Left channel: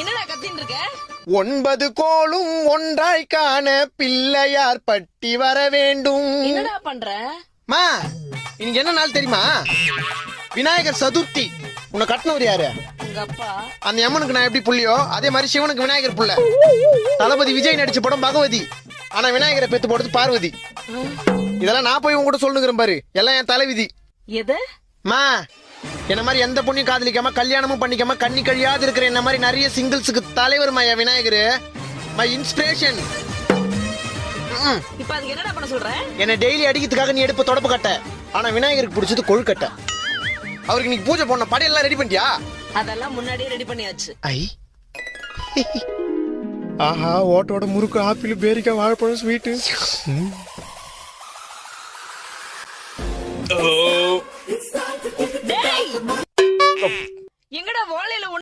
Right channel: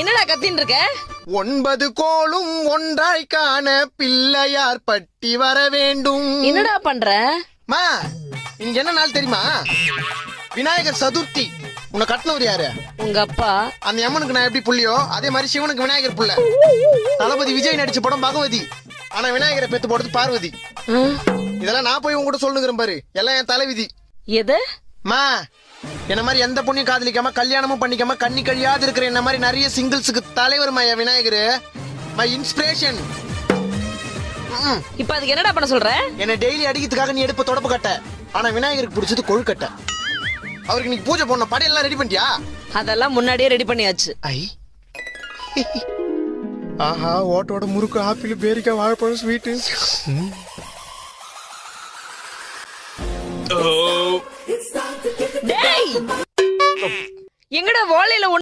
என்னடா கத்தின்னு இருக்க? 9 கோளும் ஒன்றாய் காண பிள்ளையார் பட்டி வர வேண்டும். என்னடா பண்ற? மா இங்க என்ன நாள் தெரியுமா? விநாயகர் சதுர்த்தி. உன்னை கட்டினவர் யாரு? உங்க அப்பா. அந்த எம்மனுக்கு நான் எப்படி புள்ளியோ அதே மாதிரி சிவனுக்கு விநாயகர் புள்ள. தளபதி விஜய் நடிச்ச படம் பகவதி. ஆனா விநாயகரை பெத்து போடுறது பார்வதி. இதெல்லாம் நான் போய் உங்ககிட்ட சொல்லுங்கிறேன் பாரு. எல்லாம் என் தலைவிதி. எது? மா என்ன மாதிரி எந்த பொண்ணையும் காதலிக்காம கல்யாணமும் பண்ணிக்காம கண்ணி கழியாது இருக்கிற என்ன மாதிரி நிறைய சிங்கிள்ஸுக்கு தலைவர் மையா விநாயகர். My inspiration. இப்ப அதுக்கு என்னடா பண்ண சொல்ற? என்ன டெய்லி அடிக்கிறதுக்காக நீ எடுப்ப தொடப்பு கட்ட. ஆனா விநாயகருக்கு பிடிச்சது கொழுக்கட்டை. அவருக்கு நீ பூஜை பண்ண படையெல்லாம் ரெடி பண்ணிட்டியா? அதெல்லாம் முன்னாடியே ரெடி பண்ணியாச்சு. ஐ ஆஹா ஓட்டோட முறுக்கு ஆப்பிள் பேரிக்காய் வாழைப்பழம் ஸ்வீட்டு. டேய் எங்கடா வாழையில